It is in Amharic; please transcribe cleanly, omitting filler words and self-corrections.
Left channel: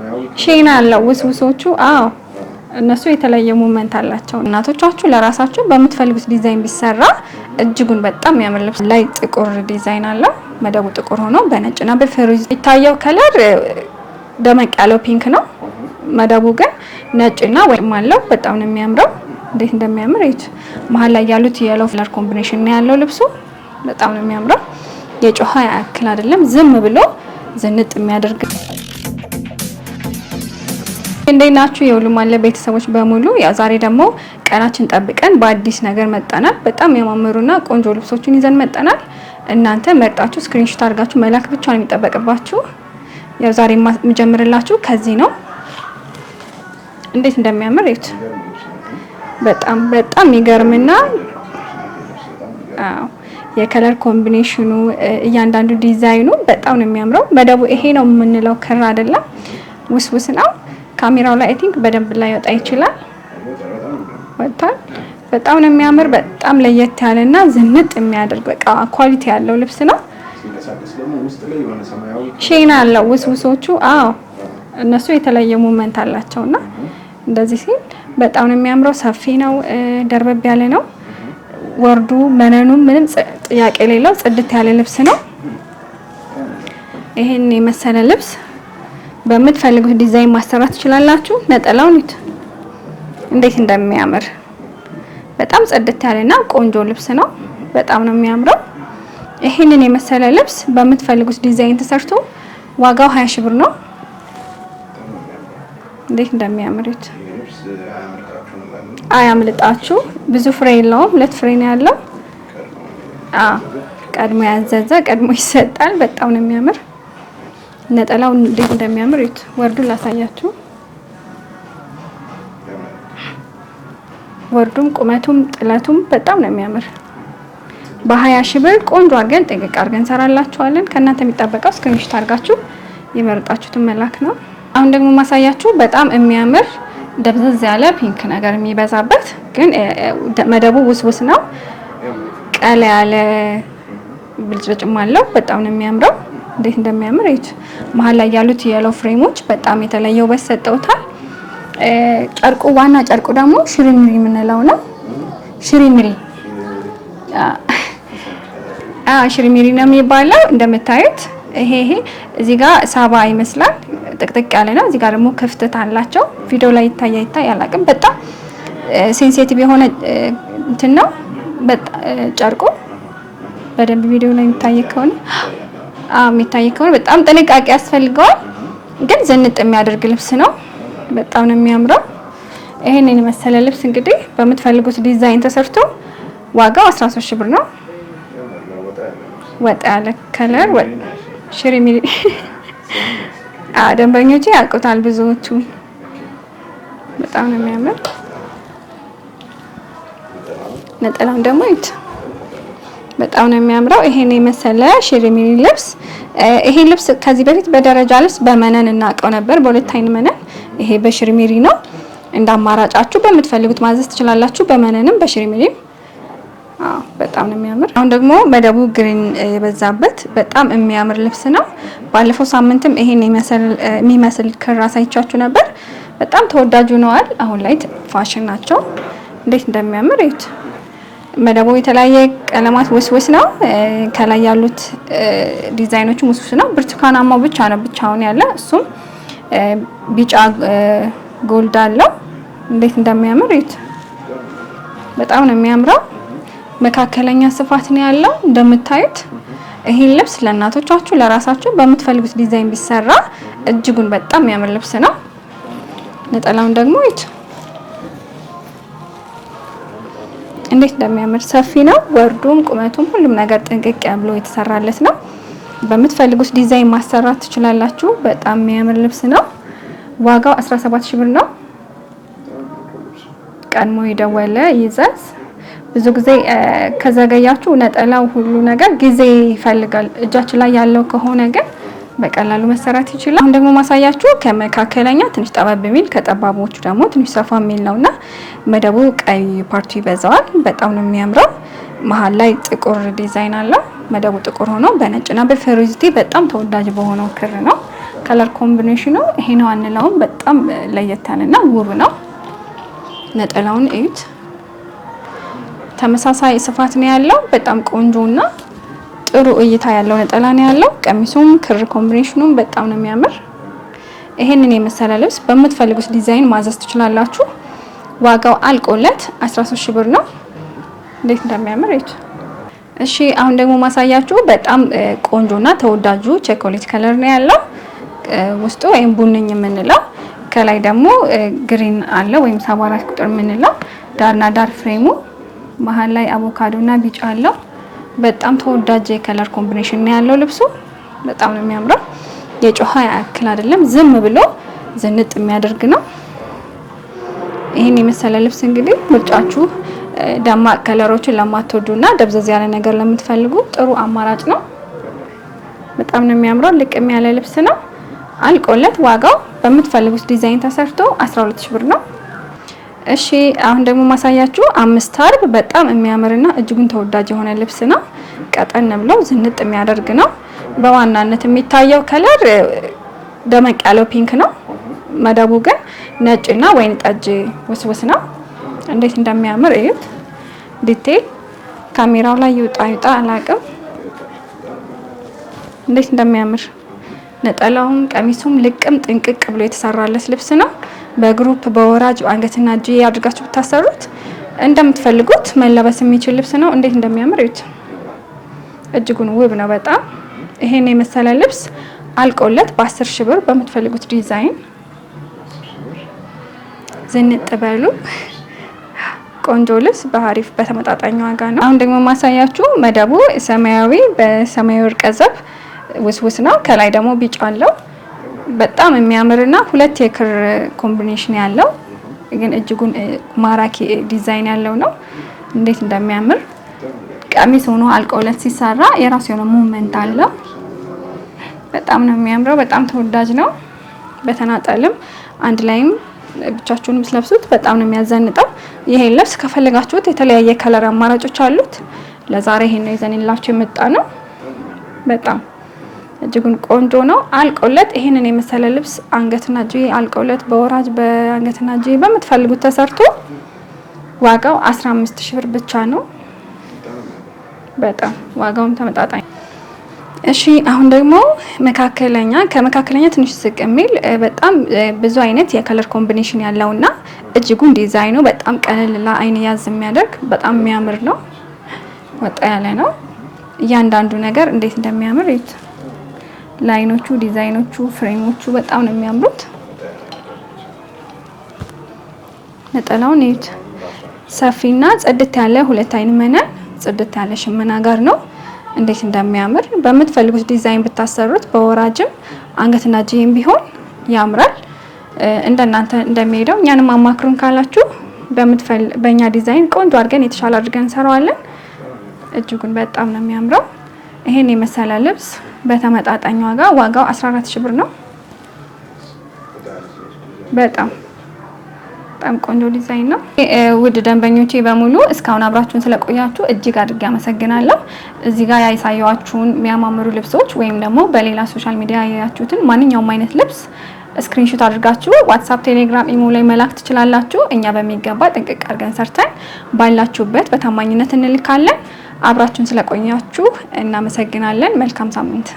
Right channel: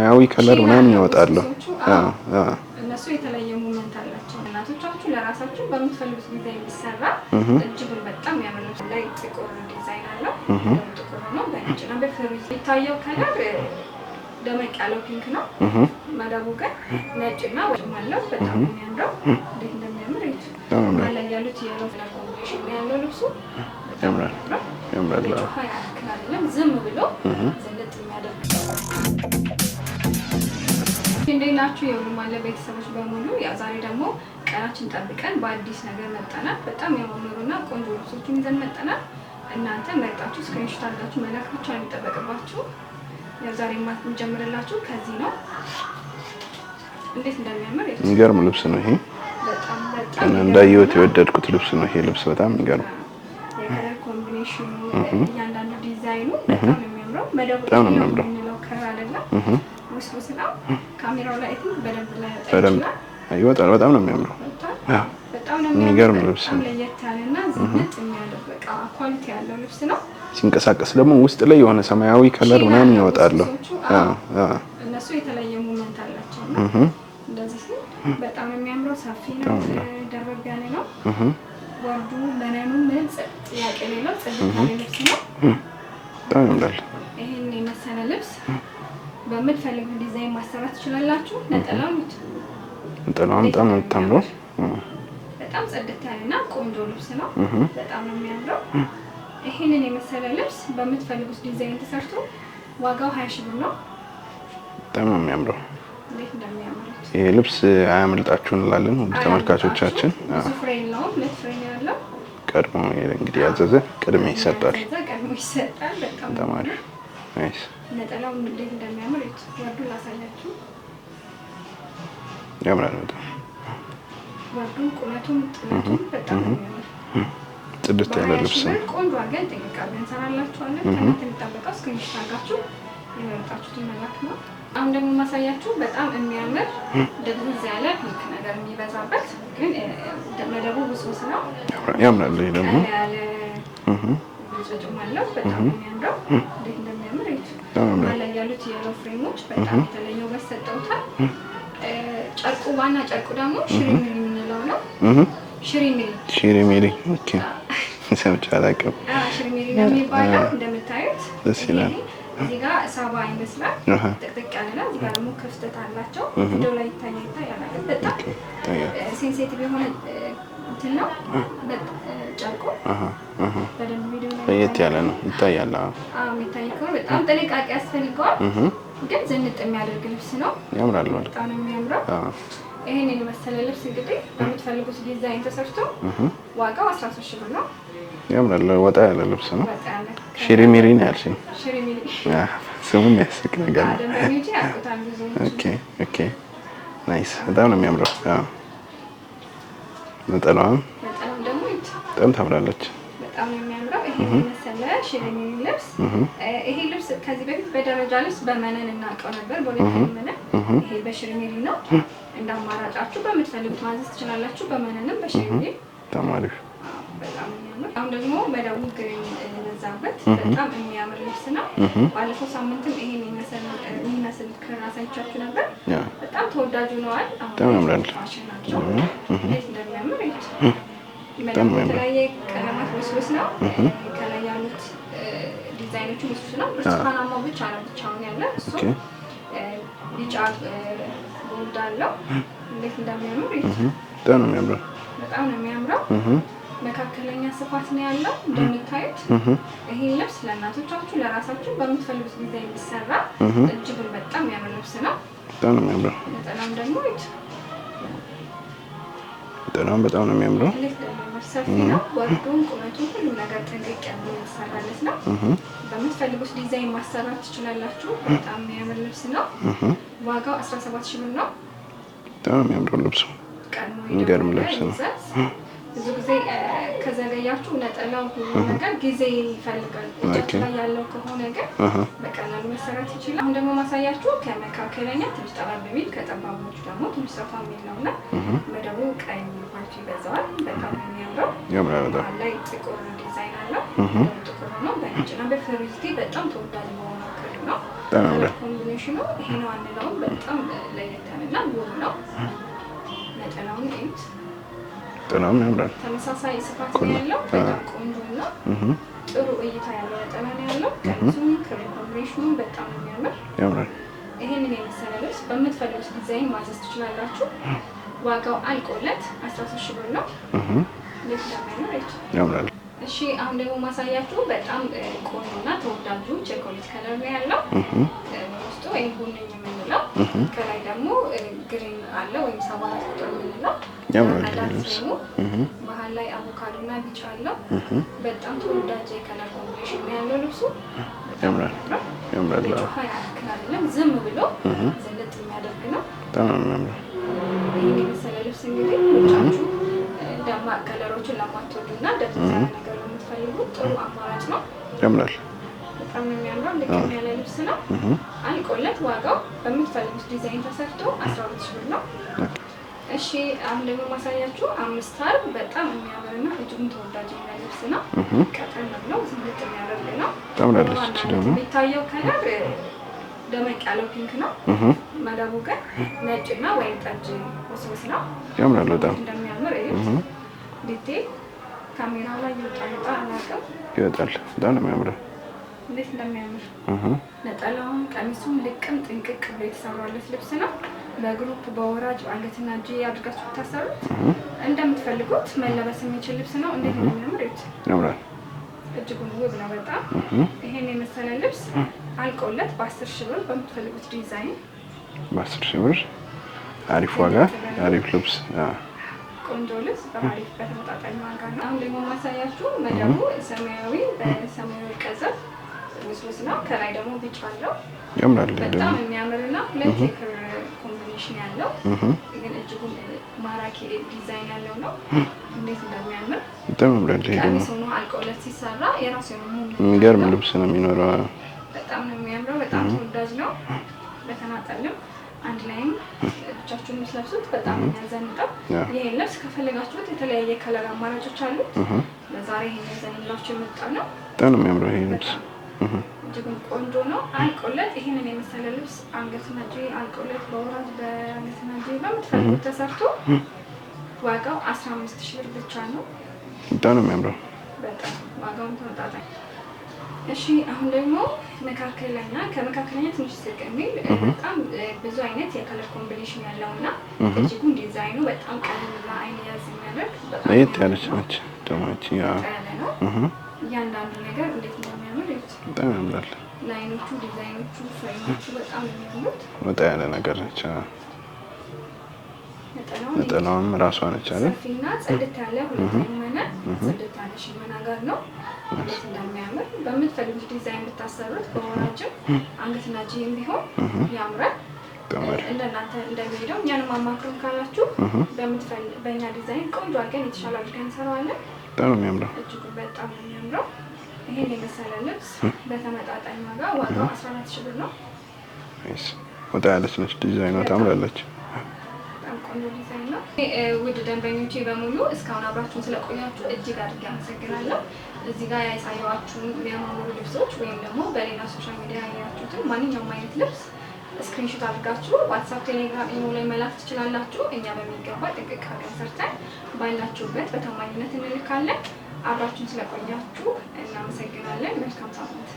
ሰማያዊ ከለር ሼና አለው ውስውሶቹ። አዎ እነሱ የተለየ ሞመንት አላቸው። እናቶቻችሁ ለራሳችሁ በምትፈልጉት ዲዛይን ቢሰራ እጅጉን በጣም የሚያምር ልብስ ላይ ጥቁር ዲዛይን አለው። መደቡ ጥቁር ሆኖ በነጭና በፌሮዝ ይታየው ከለር ደመቅ ያለው ፒንክ ነው። መደቡ ግን ነጭና ወይም አለው። በጣም ነው የሚያምረው። እንዴት እንደሚያምር እዩት። መሀል ላይ ያሉት የየሎ ከለር ኮምቢኔሽን ነው ያለው ልብሱ። በጣም ነው የሚያምረው። የጮሃ ያክል አይደለም፣ ዝም ብሎ ዝንጥ የሚያደርግ። እንዴት ናችሁ የሁሉም አለ ቤተሰቦች በሙሉ? ያው ዛሬ ደግሞ ቀናችን ጠብቀን በአዲስ ነገር መጣናል። በጣም የሚያማምሩና ቆንጆ ልብሶችን ይዘን መጣናል። እናንተ መርጣችሁ ስክሪንሾት አድርጋችሁ መላክ ብቻ ነው የሚጠበቅባችሁ። ያው ዛሬ የምጀምርላችሁ ከዚህ ነው። እንዴት እንደሚያምር እዩት። የሚገርም ልብስ ነው ይሄ። በጣም የሚገርምና ወደድኩት ልብስ ነው ይሄ ልብስ። በጣም የሚገርም። አዎ የከለር ኮምቢኔሽኑ እያንዳንዱ ዲዛይኑ በጣም ነው የሚያምረው። መደቡ ይሄ ነው የምንለው ክር አይደለም፣ ውስውስ ነው። ካሜራው ላይ አይ ቲንክ በደንብ ላይ ወጣ ይችላል። ይወጣል። በጣም ነው የሚያምረው። በጣም ነው የሚያምር። በጣም ለየት ያለና ዝንጥ የሚያደርግ በቃ ኳሊቲ ያለው ልብስ ነው። ሲንቀሳቀስ ደግሞ ውስጥ ላይ የሆነ ሰማያዊ ከለር ሼና አለው ውስውሶቹ። አዎ እነሱ የተለየ ሞመንት አላቸውና እንደዚህ ሲል በጣም ነው የሚያምረው። ሰፊ ነው፣ ደርበብ ያለ ነው። ወርዱ መነኑ ምንም ጥያቄ የሌለው ጽድት ያለ ልብስ ነው። ይሄን የመሰለ ልብስ በምትፈልጉት ዲዛይን ማሰራት ትችላላችሁ። ነጠላውን እንዴት እንደሚያምር በጣም ጽድት ያለና ቆንጆ ልብስ ነው። በጣም ነው የሚያምረው። ይሄንን የመሰለ ልብስ በምትፈልጉት ዲዛይን ተሰርቶ ዋጋው 20 ሺህ ብር ነው። በጣም ነው የሚያምረው። እንዴት እንደሚያምር እዩት። ይሄ ልብስ አያምልጣችሁ እንላለን። አያምልጣችሁ። ብዙ ፍሬ የለውም፣ 2 ፍሬ ነው ያለው። ቀድሞ ያዘዘ ቀድሞ ይሰጣል። በጣም ነው የሚያምር። ነጠላው እንዴት እንደሚያምር እዩት። ወርዱን ላሳያችሁ። ያምራል። ወርዱም ቁመቱም ጥለቱም በጣም ነው የሚያምር። በ20 ሺህ ብር ቆንጆ አድርገን ጥንቅቅ አድርገን እንሰራላችኋለን። ከእናንተ የሚጠበቀው ስክሪንሾት አድርጋችሁ የመረጣችሁትን መላክ ነው። አሁን ደግሞ ማሳያችሁ በጣም የሚያምር ደብዘዝ ያለ ፒንክ ነገር የሚበዛበት ግን መደቡ ውስውስ ነው። ቀላ ያለ ብልጭልጭም አለው። በጣም ነው የሚያምረው። እንዴት እንደሚያምር እዩት። መሀል ላይ ያሉት የየሎ ፍሬሞች በጣም የተለየ ውበት ሰጠውታል። ጨርቁ ዋና ጨርቁ ደግሞ ሽሪሚሪ የምንለው ነው። ሽሪሚሪ ሽሪሚሪ ነው የሚባለው። እንደምታዩት ይሄ እዚህ ጋር ሳባ ይመስላል፣ ጥቅጥቅ ያለ ነው። እዚህ ጋር ደግሞ ክፍተት አላቸው። ቪዲዮ ላይ ይታይ አላውቅም። በጣም ሴንሲቲቭ የሆነ እንትን ነው ጨርቁ። በደንብ ቪዲዮ ላይ የሚታይ ከሆነ በጣም ጥንቃቄ ያስፈልገዋል። ግን ዝንጥ የሚያደርግ ልብስ ነው። በጣም ነው የሚያምረው። ይሄንን የመሰለ ልብስ እንግዲህ በምትፈልጉት ዲዛይን ተሰርቶ ዋጋው 13 ሺህ ብር ነው። ያምራል። ወጣ ያለ ልብስ ነው። ወጣ ያለ ከለር ሽሪሚሪ ደንበኞቼ ያውቁታል ብዙዎቹ። ናይስ። በጣም ነው የሚያምረው። ነጠላውን ደግሞ እዩት። በጣም ታምራለች። በጣም ነው የሚያምረው። ይሄን የመሰለ ሽሪሚሪ ልብስ ይሄን ልብስ ከዚህ በፊት በደረጃ ልብስ በመነን እናውቀው ነበር፣ በሁለት አይን መነን። ይሄ በሽሪሚሪ ነው። እንደ አማራጫችሁ በምትፈልጉት ማዘዝ ትችላላችሁ፣ በመነንም በሽሪሚሪም። በጣም ነው የሚያምር። አሁን ደግሞ መደቡ ግሪን የበዛበት በጣም የሚያምር ልብስ ነው። ባለፈው ሳምንትም ይሄን የሚመስል ክር አሳይቻችሁ ነበር። በጣም ተወዳጅ ሆነዋል። አሁን ላይ ፋሽን ናቸው። እንዴት እንደሚያምር እዩት። መደቡ የተለያየ ቀለማት ውስውስ ነው። ከላይ ያሉት ዲዛይኖቹ ውስውስ ነው። ብርቱካናማው ብቻ ነው ብቻውን ያለ፣ እሱም ቢጫ ጎልድ አለው። እንዴት እንደሚያምር እዩት። በጣም ነው የሚያምረው። መካከለኛ ስፋት ነው ያለው እንደምታዩት። ይሄን ልብስ ለእናቶቻችሁ ለራሳችሁ በምትፈልጉት ዲዛይን ቢሰራ እጅጉን በጣም የሚያምር ልብስ ነው። ነጠላውን ደግሞ እዩት። በጣም ነው የሚያምረው። እንዴት እንደሚያምር ሰፊ ነው። ወርዱም ቁመቱም ሁሉም ነገር ጥንቅቅ ብሎ የተሰራለት ነው። በምትፈልጉት ዲዛይን ማሰራት ትችላላችሁ። በጣም የሚያምር ልብስ ነው። ዋጋው 17 ሺህ ብር ነው። በጣም የሚያምር ልብስ። ቀድሞ የደወለ ይዘዝ። ብዙ ጊዜ ከዘገያችሁ ነጠላው ሁሉ ነገር ጊዜ ይፈልጋል። እጃችን ላይ ያለው ከሆነ ግን በቀላሉ መሰራት ይችላል። አሁን ደግሞ ማሳያችሁ ከመካከለኛ ትንሽ ጠባብ የሚል ከጠባቦቹ ደግሞ ትንሽ ሰፋ የሚል ነውና መደቡ ቀይ ፓርቱ ይበዛዋል። በጣም ነው የሚያምረው። መሀል ላይ ጥቁር ዲዛይን አለው። መደቡ ጥቁር ሆኖ በነጭና በፌሮዚቲ በጣም ተወዳጅ በሆነው ክር ነው። ከለር ኮምቢኔሽኑ ይሄ ነው አንለውም። በጣም ለየት ያለና ውብ ነው። ነጠላውን እዩት። ተመሳሳይ ስፋት ነው ያለው። በጣም ቆንጆና ጥሩ እይታ ያለው ነጠላ ነው ያለው። ቀሚሱም ክር ኮምቢኔሽኑም በጣም ነው የሚያምር። ይሄንን የመሰለ ልብስ በምትፈልጉት ዲዛይን ማዘዝ ትችላላችሁ። ዋጋው አልቆለት 13 ሺህ ብር ነው። እንዴት እንደሚያምር እዩት። እሺ አሁን ደግሞ ማሳያችሁ በጣም ቆንጆና ተወዳጁ ቸኮሌት ከለር ነው ያለው። ውስጡ ወይም ቡንኝ የምንለው ከላይ ደግሞ ግሪን አለ ወይም 74 ቁጥር የምንለው ዳርና ዳር ፍሬሙ መሀል ላይ አቮካዶና ቢጫ አለው። በጣም ተወዳጅ የከለር ኮምቢኔሽን ነው ያለው ልብሱ። በጣም ነው የሚያምረው። የጮሃ ያክል አይደለም፣ ዝም ብሎ ዝንጥ የሚያደርግ ነው። ይሄን የመሰለ ልብስ እንግዲህ ምርጫችሁ ደማቅ ከለሮችን ለማትወዱና ደብዘዝ ያለ ነገር ለምትፈልጉ ጥሩ አማራጭ ነው። በጣም ነው የሚያምረው። ልቅም ያለ ልብስ ነው። አልቆለት ዋጋው በምትፈልጉት ዲዛይን ተሰርቶ 12 ሺህ ብር ነው። እሺ አሁን ደግሞ ማሳያችሁ 5 አርብ በጣም የሚያምርና እጅጉን ተወዳጅ የሆነ ልብስ ነው። ቀጠን ብለው ዝንጥ የሚያደርግ ነው። በዋናነት የሚታየው ከለር ደመቅ ያለው ፒንክ ነው። መደቡ ግን ነጭና ወይን ጠጅ ውስውስ ነው። እንዴት እንደሚያምር እዩት። ዲቴል ካሜራው ላይ ይውጣ አላውቅም። እንዴት እንደሚያምር ነጠላውም ቀሚሱም ልቅም ጥንቅቅ ብሎ የተሰራለት ልብስ ነው። በግሩፕ በወራጅ አንገትና እጅ አድርጋችሁ ብታሰሩት እንደምትፈልጉት መለበስ የሚችል ልብስ ነው። እንዴት እንደሚያምር እዩት። እጅጉን ውብ ነው በጣም። ይሄን የመሰለ ልብስ አልቆለት በ10 ሺህ ብር በምትፈልጉት ዲዛይን ዝንጥ በሉ። ቆንጆ ልብስ በአሪፍ በተመጣጣኝ ዋጋ ነው። አሁን ደግሞ ማሳያችሁ መደቡ ሰማያዊ በሰማያዊ ወርቀ ዘብ ውስውስ ነው። ከላይ ደግሞ ቢጫ አለው። በጣም የሚያምርና ሁለት የክር ኮምቢኔሽን ያለው ግን እጅጉን ማራኪ ዲዛይን ያለው ነው። እንዴት እንደሚያምር ቀሚስ ሆኖ አልቆለት ሲሰራ የራሱ የሆነ ሙቭመንት አለው። በጣም ነው የሚያምረው። በጣም ተወዳጅ ነው። በተናጠልም አንድ ላይም ብቻችሁንም ስለብሱት በጣም ነው የሚያዘንጠው። ይሄን ልብስ ከፈለጋችሁት የተለያየ ከለር አማራጮች አሉት። ለዛሬ ይሄን ነው ይዘንላችሁ የመጣ ነው። በጣም እጅጉን ቆንጆ ነው። አልቆለት ይሄንን የመሰለ ልብስ አንገትና እጅ አልቆለት በወራጅ በአንገትና እጅ በምትፈልጉት ተሰርቶ ዋጋው 15 ሺህ ብር ብቻ ነው። በጣም ዋጋውን ተመጣጣኝ። እሺ አሁን ደግሞ ከመካከለኛ ትንሽ ዝቅ የሚል በጣም ብዙ አይነት የከለር ኮምቢኔሽን ያለውና እጅጉን ዲዛይኑ በጣም ቀለል ለአይን ያዝ የሚያደርግ በጣም የሚያምር ነው። ወጣ ያለ ነው። እያንዳንዱ ነገር እንዴት እንደሚያምር እዩት። ላይኖቹ፣ ዲዛይኖቹ፣ ፍሬሞቹ በጣም ነው የሚያምሩት። ወጣ ያለ ነገር ነች። ነጠላውን እዩት። ሰፊና ጽድት ያለ ሁለት አይን መነን ጽድት ያለ ሽመና ጋር ነው። እንዴት እንደሚያምር በምትፈልጉት ዲዛይን ብታሰሩት በወራጅም አንገትና እጅም ቢሆን ያምራል። እንደናንተ እንደሚሄደው እኛንም አማክሩን ካላችሁ በእኛ ዲዛይን ቆንጆ አድርገን የተሻለ አድርገን እንሰራዋለን። እጅጉን በጣም ነው የሚያምረው። ይሄን የመሰለ ልብስ በተመጣጣኝ ዋጋው 14 ሺህ ብር ነው። በጣም ቆንጆ ዲዛይን ነው። ውድ ደንበኞቼ በሙሉ እስካሁን አብራችሁን ስለቆያችሁ እጅግ አድርጌ አመሰግናለሁ። እዚህ ጋር ያሳየዋችሁን የሚያማምሩ ልብሶች ወይም ደግሞ በሌላ ሶሻል ሚዲያ ያያችሁትን ማንኛውም አይነት ልብስ ስክሪንሾት አድርጋችሁ ዋትስአፕ፣ ቴሌግራም፣ ኢሞ ላይ መላክ ትችላላችሁ። እኛ በሚገባ ጥንቅቅ አድርገን ሰርተን ባላችሁበት በታማኝነት እንልካለን። አብራችሁን ስለቆያችሁ እናመሰግናለን። መልካም ሳምንት።